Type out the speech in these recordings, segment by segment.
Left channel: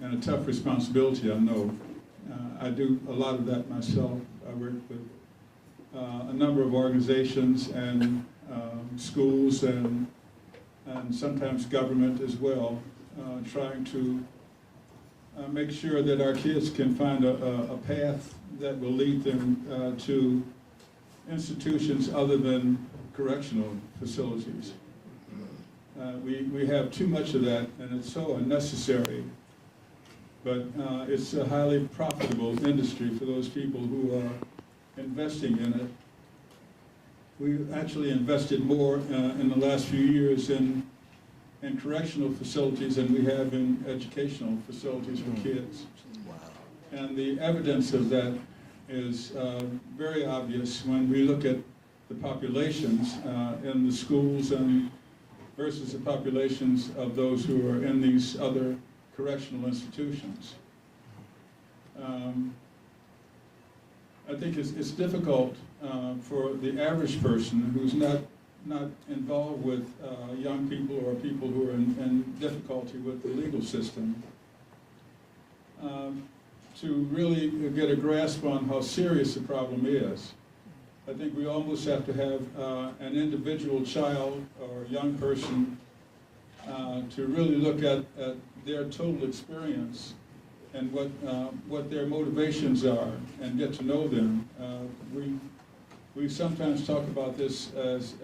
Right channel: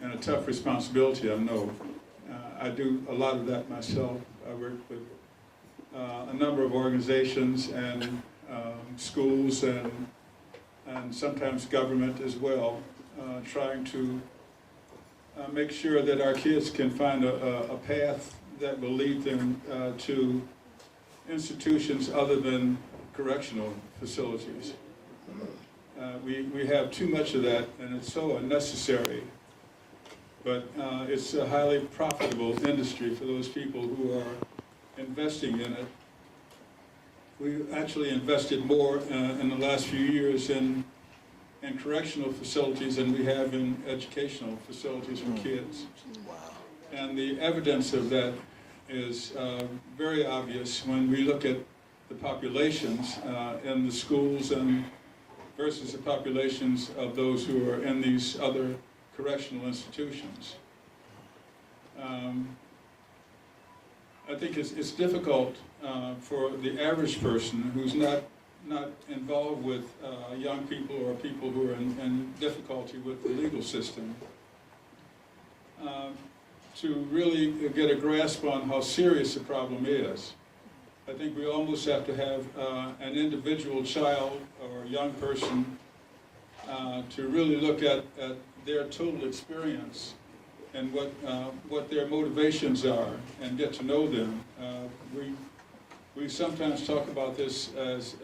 and a tough responsibility, I know. I do a lot of that myself. I work with a number of organizations and schools and sometimes government as well, trying to make sure that our kids can find a path that will lead them to institutions other than correctional facilities. We have too much of that, and it's so unnecessary. But it's a highly profitable industry for those people who are investing in it. We've actually invested more in the last few years in correctional facilities than we have in educational facilities for kids. Wow. And the evidence of that is very obvious when we look at the populations in the schools and versus the populations of those who are in these other correctional institutions. I think it's difficult for the average person who's not involved with young people or people who are in difficulty with the legal system to really get a grasp on how serious the problem is. I think we almost have to have an individual child or young person to really look at their total experience and what their motivations are and get to know them. We sometimes talk about this as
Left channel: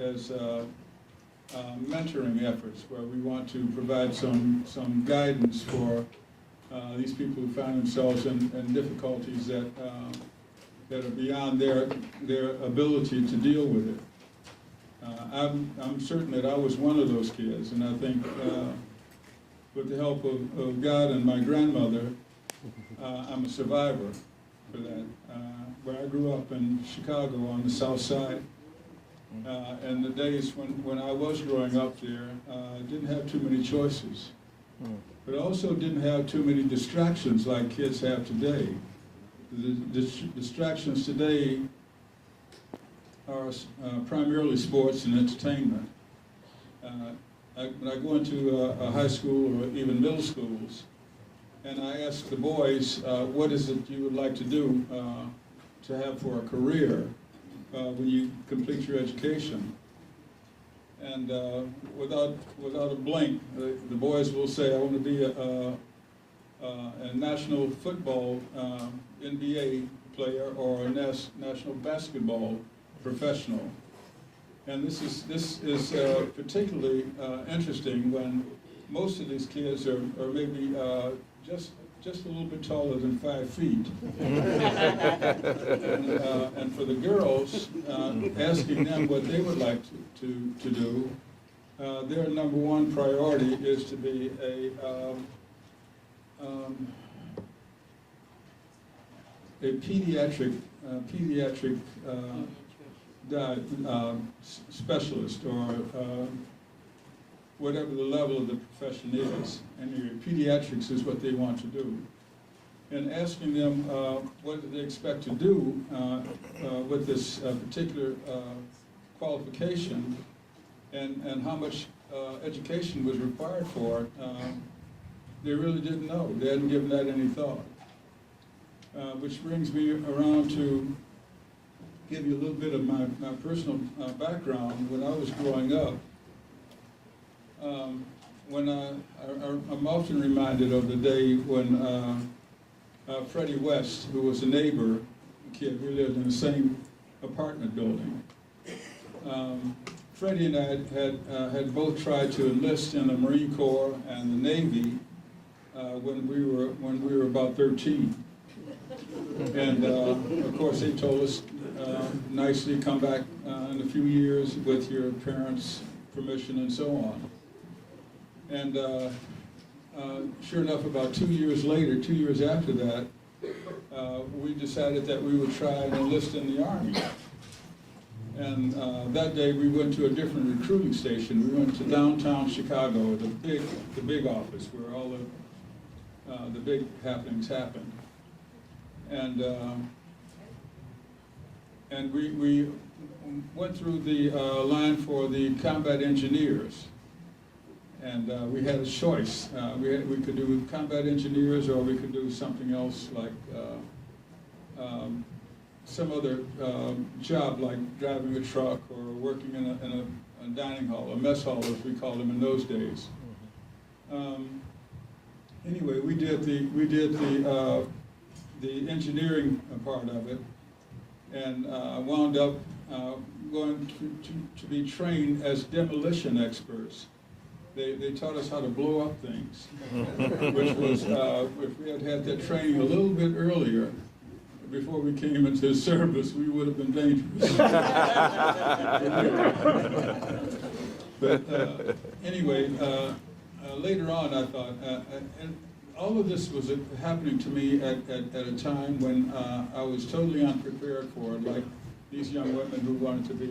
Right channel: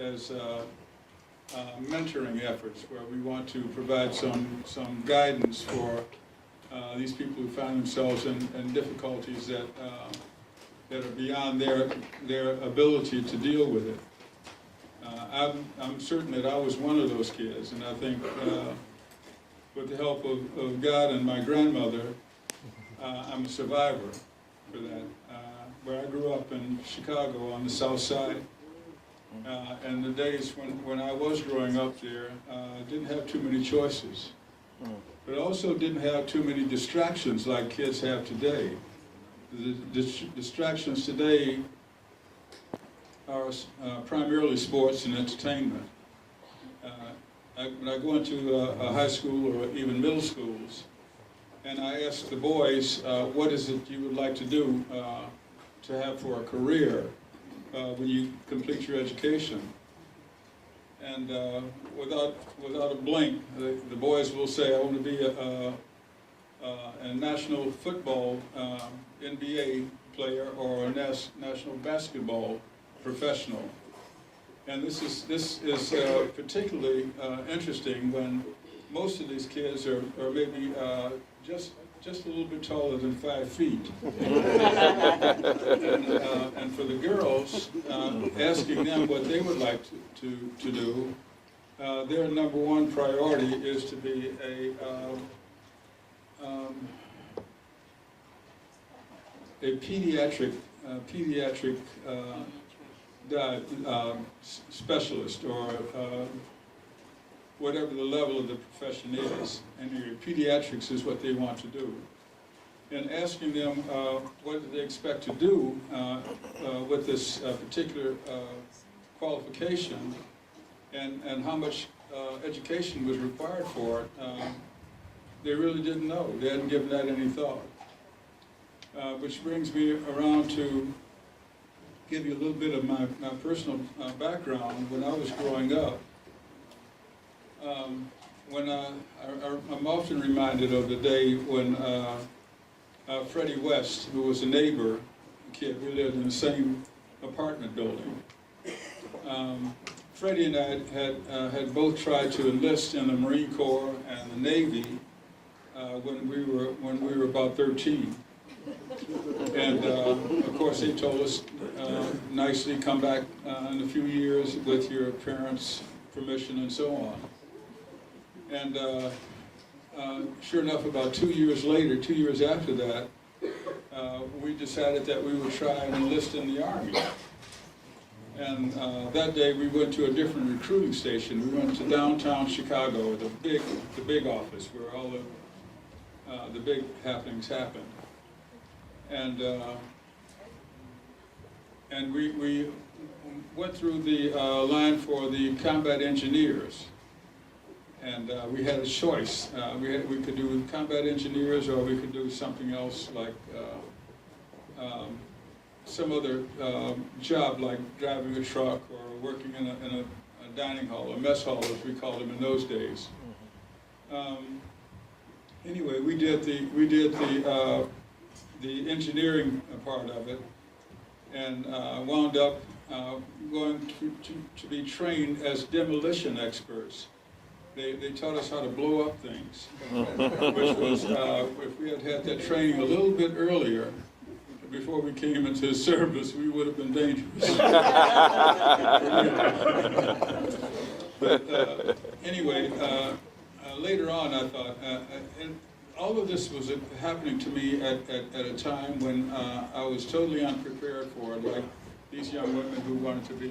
mentoring efforts, where we want to provide some guidance for these people who find themselves in difficulties that are beyond their ability to deal with it. I'm certain that I was one of those kids, and I think with the help of God and my grandmother, I'm a survivor for that. Where I grew up in Chicago on the South Side, and the days when I was growing up there, didn't have too many choices, but also didn't have too many distractions like kids have today. The distractions today are primarily sports and entertainment. When I go into a high school or even middle schools, and I ask the boys, what is it you would like to do to have for a career when you complete your education? And without a blink, the boys will say, I want to be a national football NBA player or a national basketball professional. And this is particularly interesting when most of these kids are maybe just a little bit taller than 5 feet. And for the girls, asking them what they would like to do, their number one priority is to be a pediatric specialist, or whatever the level of the profession is. And pediatrics is what they want to do. And asking them what do they expect to do with this particular qualification, and how much education was required for it, they really didn't know. They hadn't given that any thought. Which brings me around to give you a little bit of my personal background. When I was growing up, I'm often reminded of the day when Freddie West, who was a neighbor kid, we lived in the same apartment building. Freddie and I had both tried to enlist in the Marine Corps and the Navy when we were about 13. And of course they told us nicely, come back in a few years with your parents' permission and so on. And sure enough, about 2 years later, 2 years after that, we decided that we would try and enlist in the Army. And that day we went to a different recruiting station. We went to downtown Chicago, the big office where all the big happenings happened. And we went through the line for the combat engineers. And we had a choice. We could do combat engineers, or we could do something else like some other job, like driving a truck or working in a dining hall, a mess hall as we called them in those days. Anyway, we did the engineering part of it, and wound up going to be trained as demolition experts. They taught us how to blow up things, which was, if we had had that training a little bit earlier, before we came into service, we would have been dangerous. But anyway, later on I thought, and all of this was happening to me at a time when I was totally unprepared for it, like these young women who wanted to be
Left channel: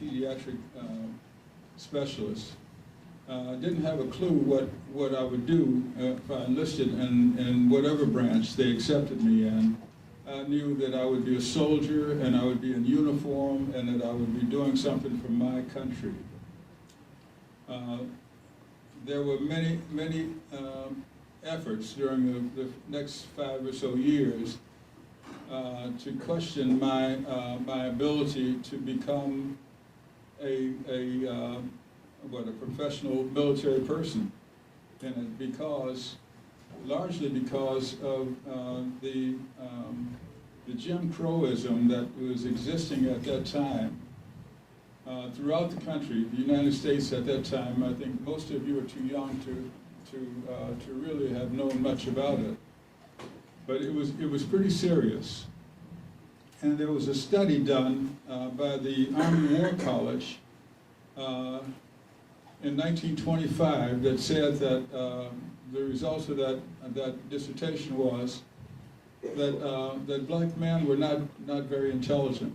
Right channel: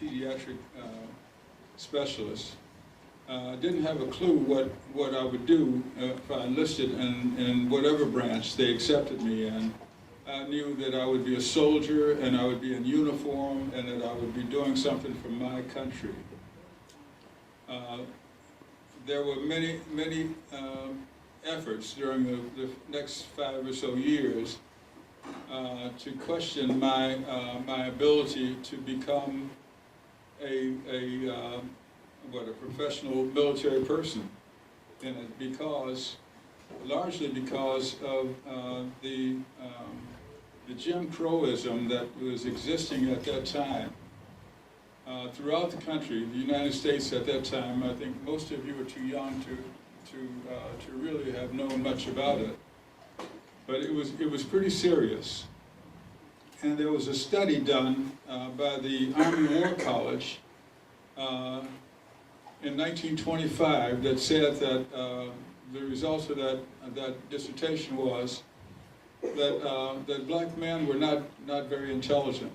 pediatric specialists. Didn't have a clue what I would do if I enlisted in whatever branch they accepted me in. I knew that I would be a soldier, and I would be in uniform, and that I would be doing something for my country. There were many efforts during the next 5 or so years to question my ability to become a professional military person, and largely because of the Jim Crowism that was existing at that time throughout the country, the United States at that time. I think most of you are too young to really have known much about it, but it was pretty serious. And there was a study done by the Army War College in 1925 that said that the results of that dissertation was that black men were not very intelligent,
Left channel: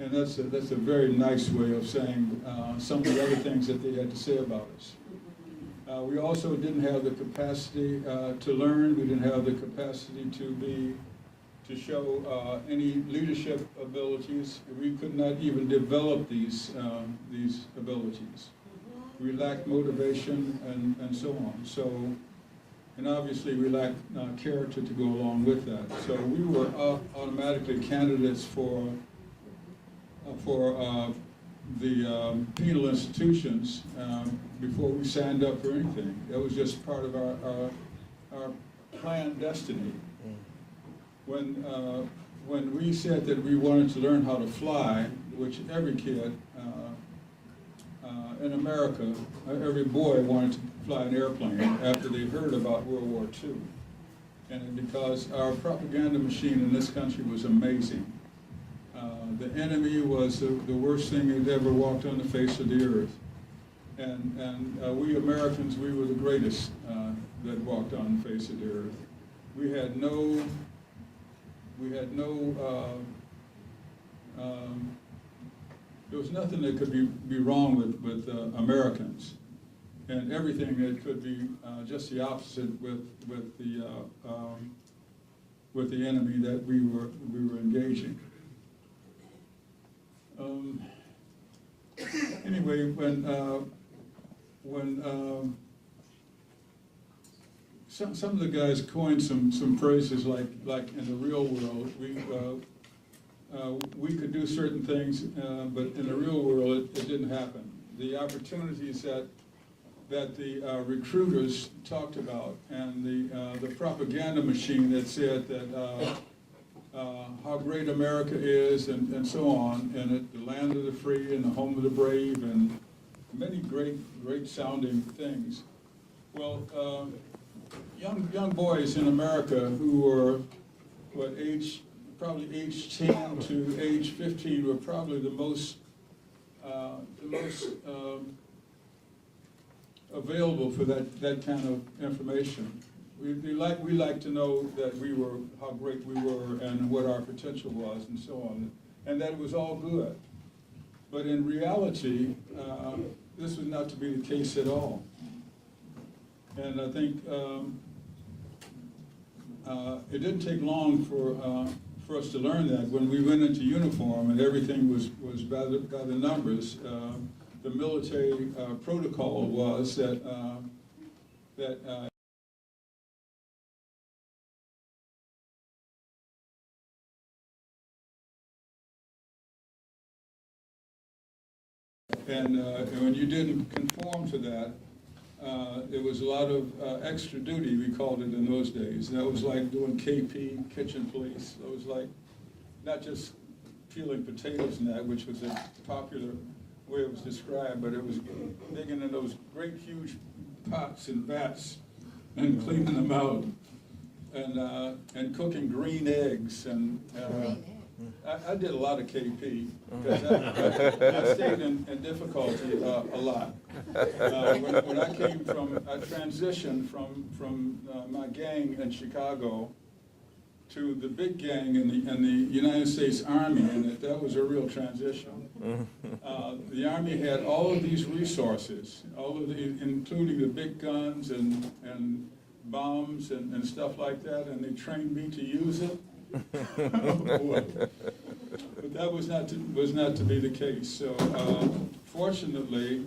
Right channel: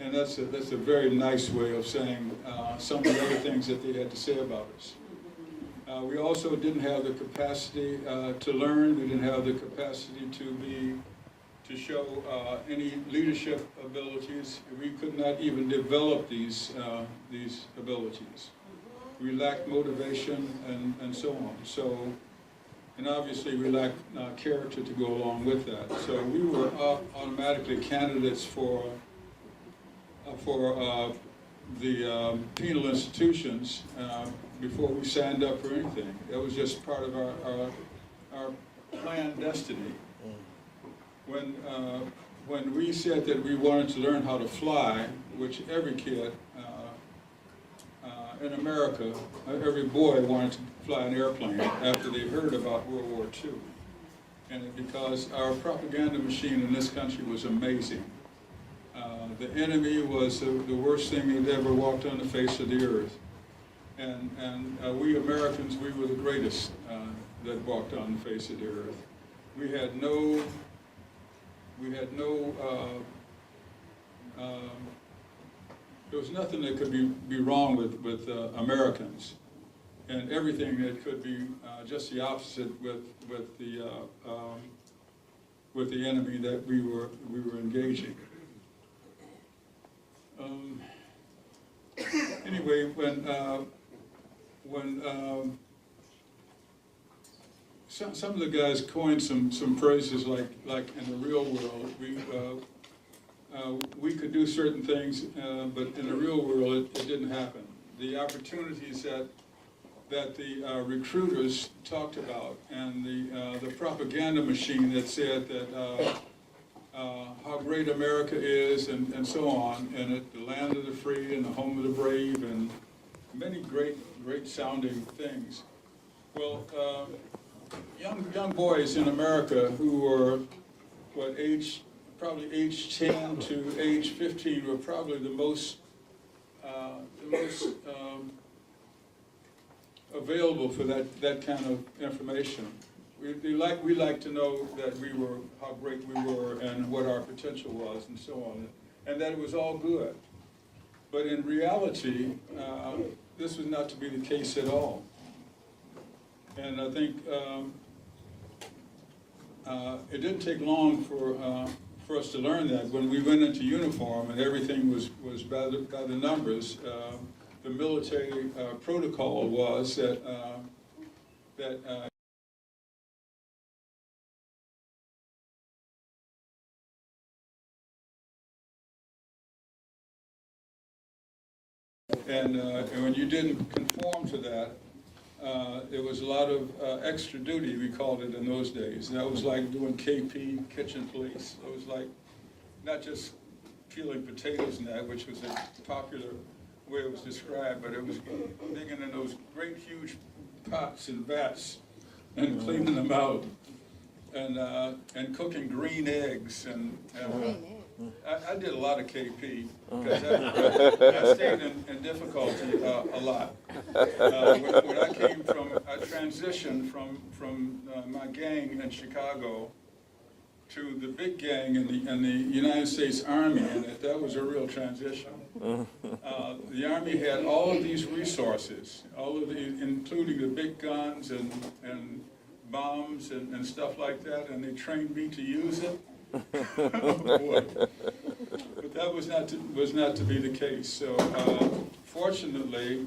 and that's a very nice way of saying some of the other things that they had to say about us. We also didn't have the capacity to learn. We didn't have the capacity to show any leadership abilities. We could not even develop these abilities. We lacked motivation and so on. So, and obviously we lacked character to go along with that. So we were automatically candidates for the penal institutions before we signed up for anything. That was just part of our planned destiny. When we said that we wanted to learn how to fly, which every kid in America, every boy wanted to fly an airplane after they heard about World War II. And because our propaganda machine in this country was amazing. The enemy was the worst thing that ever walked on the face of the earth. And we Americans, we were the greatest that walked on the face of the earth. We had no there was nothing that could be wrong with Americans, and everything that could be just the opposite with the enemy that we were engaging. Anyway, when some of the guys coined some phrases like in the real world, we could do certain things, but in the real world it didn't happen. The opportunities that the recruiters talked about, and the propaganda machine that said that how great America is, and so on, and the land of the free and the home of the brave, and many great sounding things. Well, young boys in America who were probably age 10 to age 15 were probably the most available for that kind of information. We like to know that how great we were and what our potential was and so on, and that it was all good. But in reality, this was not to be the case at all. And I think it didn't take long for us to learn that when we went into uniform and everything was by the numbers. the military protocol was that and when you didn't conform to that, there was a lot of extra duty, we called it in those days. And that was like doing KP, kitchen police. It was like not just peeling potatoes and that, which was a popular way it was described, but it was digging in those great huge pots and vats and cleaning them out and cooking green eggs and I did a lot of KP because I stayed in difficulty a lot. When I transitioned from my gang in Chicago to the big gang in the United States Army, and that was a real transition. The Army had all of these resources, including the big guns and bombs and stuff like that, and they trained me to use it. Oh, boy. But that was not to be the case. So fortunately,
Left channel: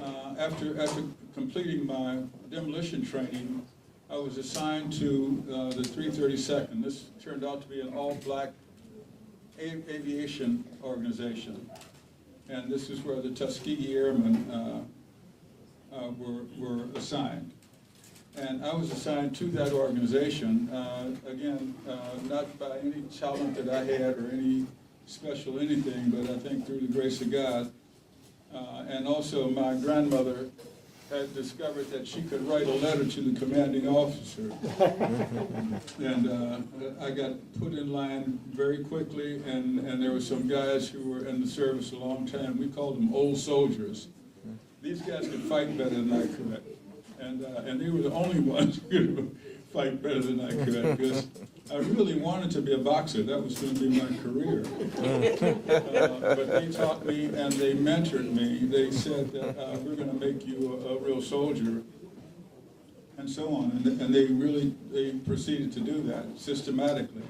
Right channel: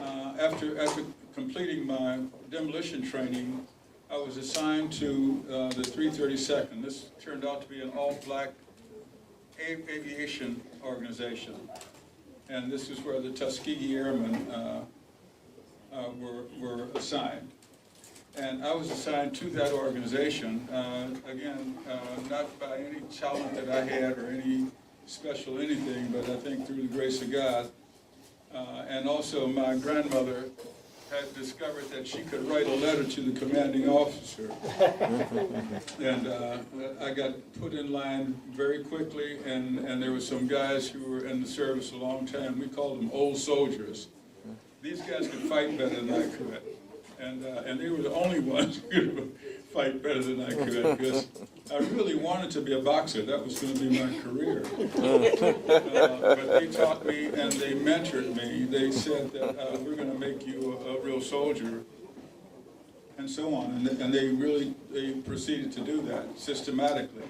after completing my demolition training, I was assigned to the 332nd. This turned out to be an all-black aviation organization, and this is where the Tuskegee Airmen were assigned. And I was assigned to that organization, again, not by any talent that I had or any special anything, but I think through the grace of God. And also my grandmother had discovered that she could write a letter to the commanding officer. And I got put in line very quickly, and there were some guys who were in the service a long time. We called them old soldiers. These guys could fight better than I could. And they were the only ones who could fight better than I could, because I really wanted to be a boxer. That was going to be my career. But they taught me and they mentored me. They said that we're going to make you a real soldier, and so on. And they proceeded to do that systematically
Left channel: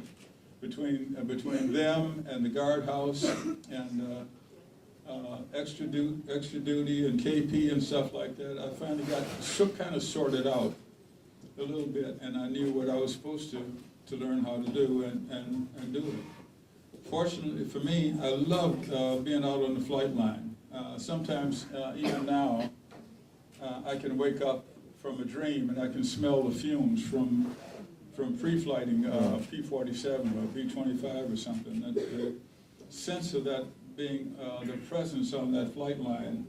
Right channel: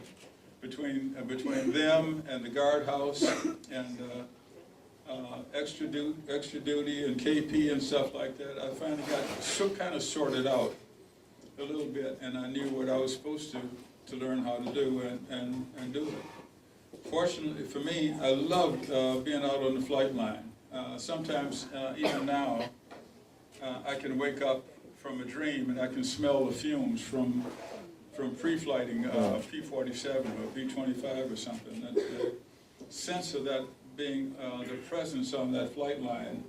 between them and the guardhouse and extra duty and KP and stuff like that. I finally got kind of sorted out a little bit, and I knew what I was supposed to learn how to do and do it. Fortunately for me, I loved being out on the flight line. Sometimes, even now, I can wake up from a dream and I can smell the fumes from pre-flighting P-47 or B-25 or something. The sense of that being the presence on that flight line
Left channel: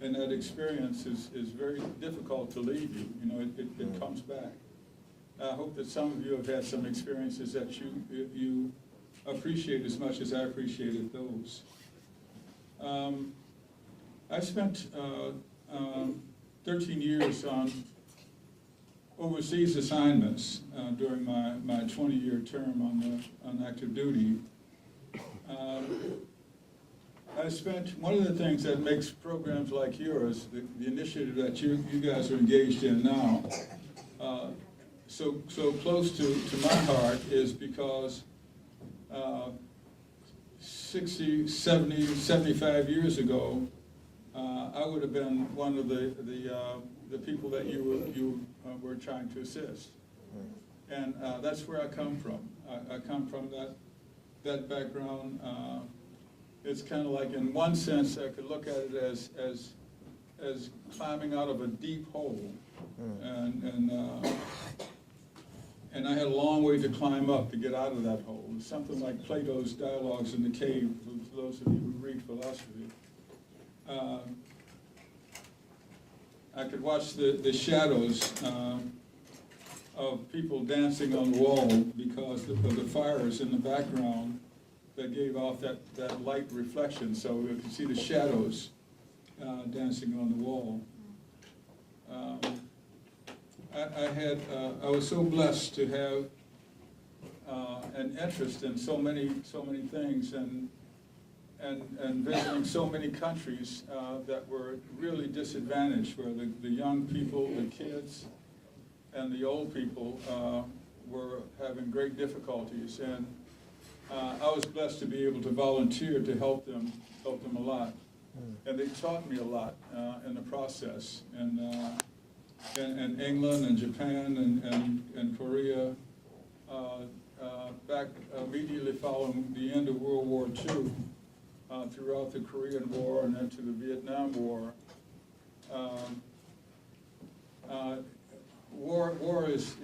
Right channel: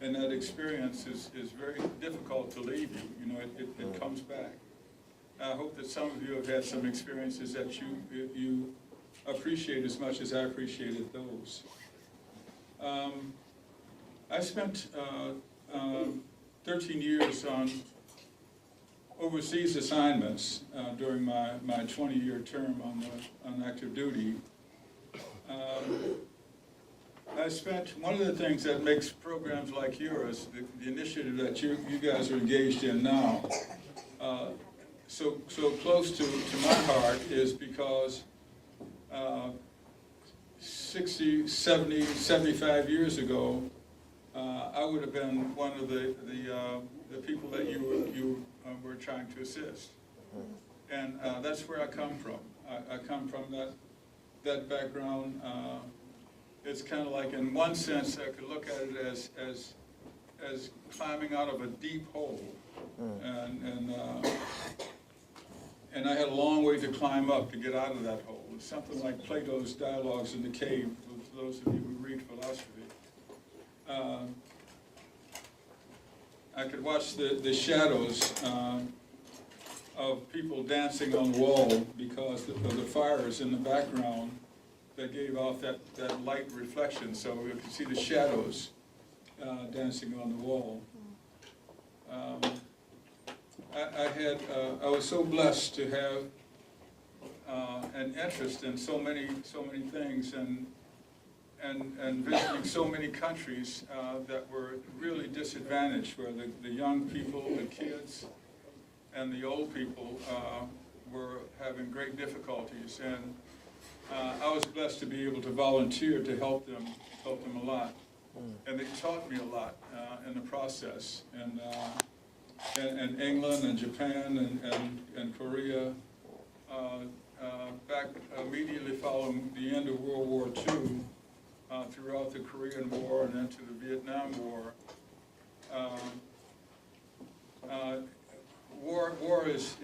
and that experience is very difficult to leave you. You know, it comes back. I hope that some of you have had some experiences that you appreciate as much as I appreciated those. I spent 13 years on overseas assignments during my 20-year term on active duty. I spent, one of the things that makes programs like yours, the initiative that you guys are engaged in now, so close to my heart is because 60, 70, 75 years ago, I would have been one of the people that you were trying to assist. And that's where I come from. I come from that background. It's kind of like, in one sense, I could look at it as climbing out of a deep hole, and I had a long way to climb up to get out of that hole. It's something like Plato's Dialogues in the Cave, for those of you who read philosophy. I could watch the shadows of people dancing on the wall because of the fires in the background that gave off that light reflection, so we could see the shadows dancing on the wall. I was so blessed to have an interest in so many things and visiting so many countries that were really disadvantaged, where the young people, the kids, and the old people were having great difficulties. And I was blessed to be able to volunteer to help them a lot. and they taught me a lot in the process. And in England and Japan and Korea, back immediately following the end of World War II, throughout the Korean War and into the Vietnam War. War is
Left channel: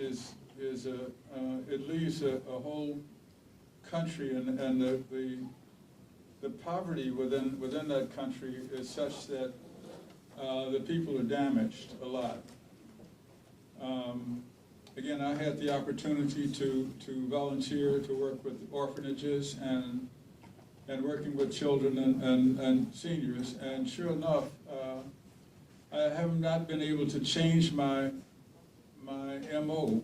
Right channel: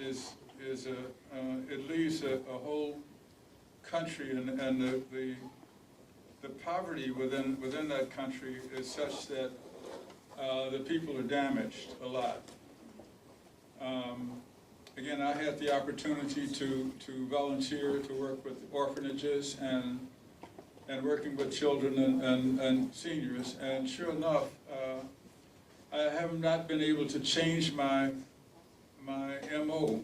it leaves a whole country, and the poverty within that country is such that the people are damaged a lot. Again, I had the opportunity to volunteer to work with orphanages and working with children and seniors, and sure enough, I have not been able to change my MO.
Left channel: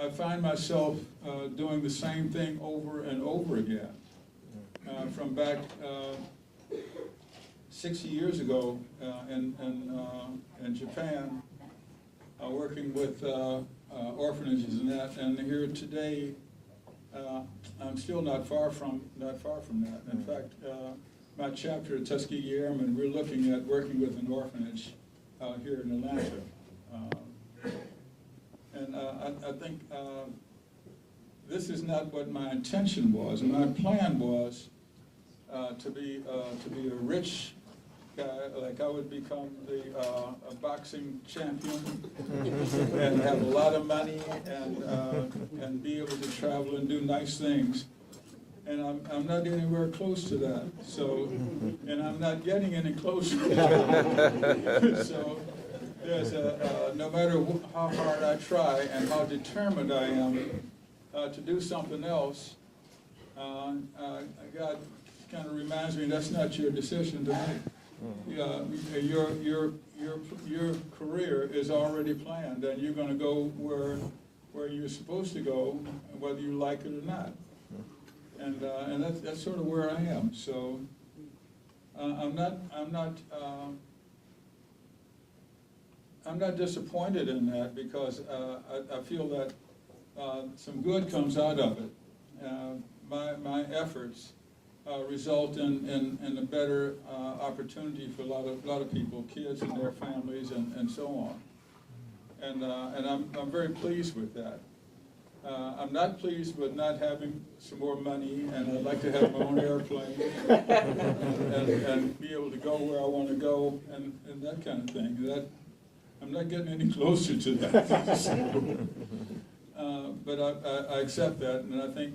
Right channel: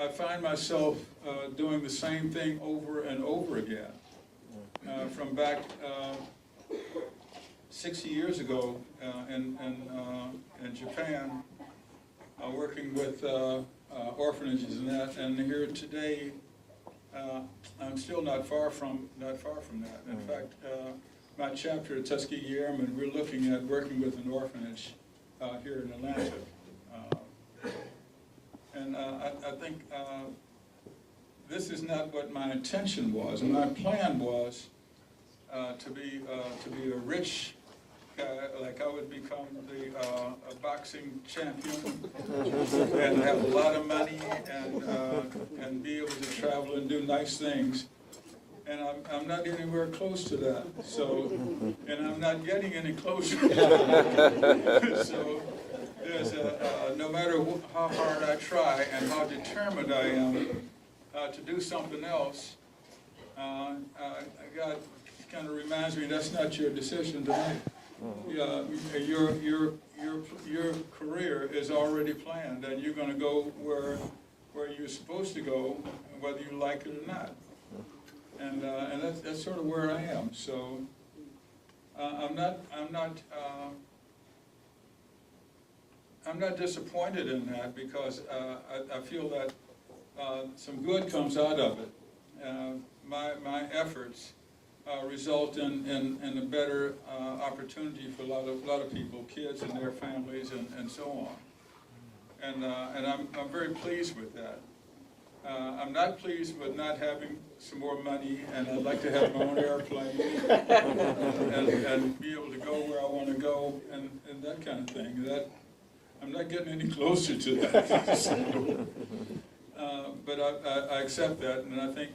I find myself doing the same thing over and over again. From back 60 years ago in Japan, working with orphanages and that, and here today, I'm still not far from that. In fact, my chapter at Tuskegee Airman, we're looking at working with an orphanage here in Atlanta, and I think this is not what my intention was. My plan was to be a rich guy, like I would become a boxing champion and have a lot of money and be able to travel and do nice things. And I'm not anywhere close to that. So, and I'm not getting any closer. So, there's no matter how hard I try and how determined I am to do something else, God kind of reminds me that's not your decision to make. Your career is already planned, and you're going to go where you're supposed to go, whether you like it or not. And that's sort of where I am. So I'm not disappointed in that, because I feel that some good comes out of it. My efforts result in a better opportunity for a lot of people, kids and their families, and so on. And I'm very pleased with that. I'm not pleased with not having some more money, and I'd like to have my own airplane and be able to go where I want to go, and that kind of thing. That I'm not getting any closer to that. So, but I accept that, and I think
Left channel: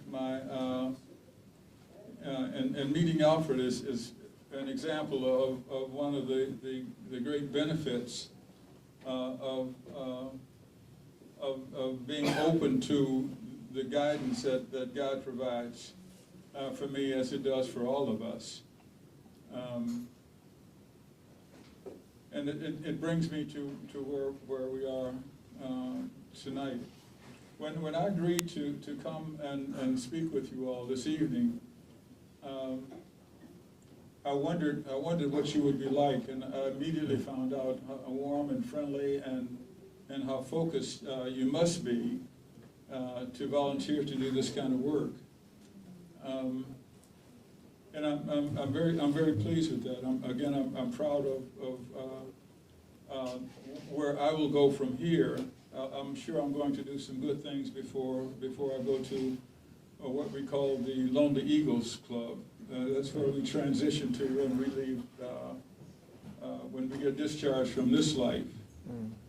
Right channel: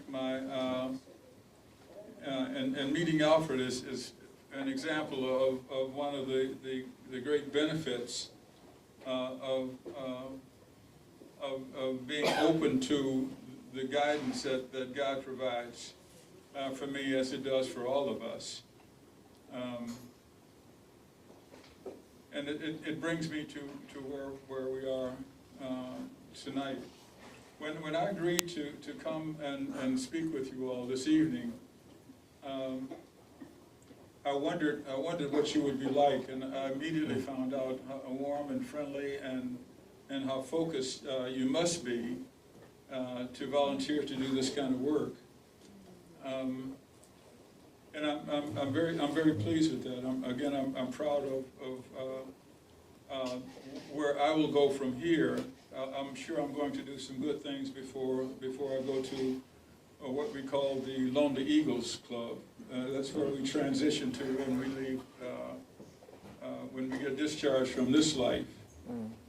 and meeting Alfred is an example of one of the great benefits of being open to the guidance that God provides for me, as it does for all of us. And it brings me to where we are tonight. When I agreed to come and speak with you all this evening, I wondered what you would be like, and I immediately found out how warm and friendly and how focused you must be to volunteer to do this kind of work. And I'm very pleased with that. I'm proud of where I will go from here. I'm sure I'm going to do some good things before I go to what we call the Lonely Eagles Club. That's where we transition to when we leave, when we get discharged from this life.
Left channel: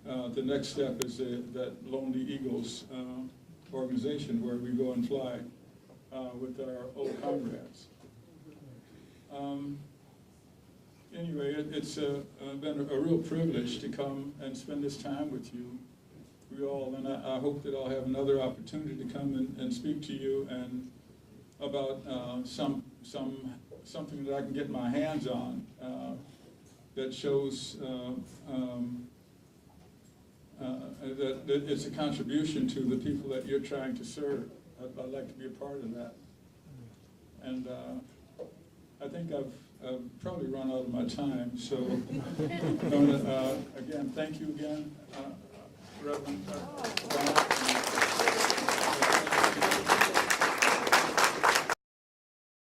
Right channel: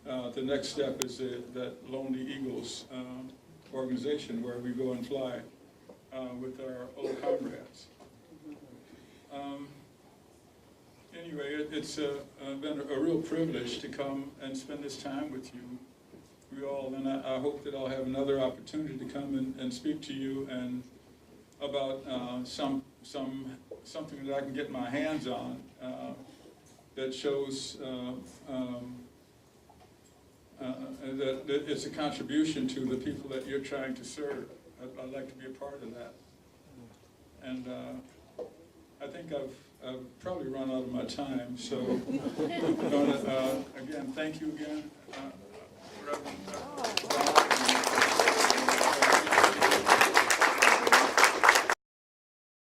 The next step is that Lonely Eagles organization, where we go and fly with our old comrades. Anyway, it's been a real privilege to come and spend this time with you all, and I hope that I'll have another opportunity to come and speak to you and about something that I can get my hands on that shows that it's a contribution to the people that you're trying to serve. I'd like to be a part of that. And I think I've probably run out of my time, so I'm going to, again, thank you again, Reverend.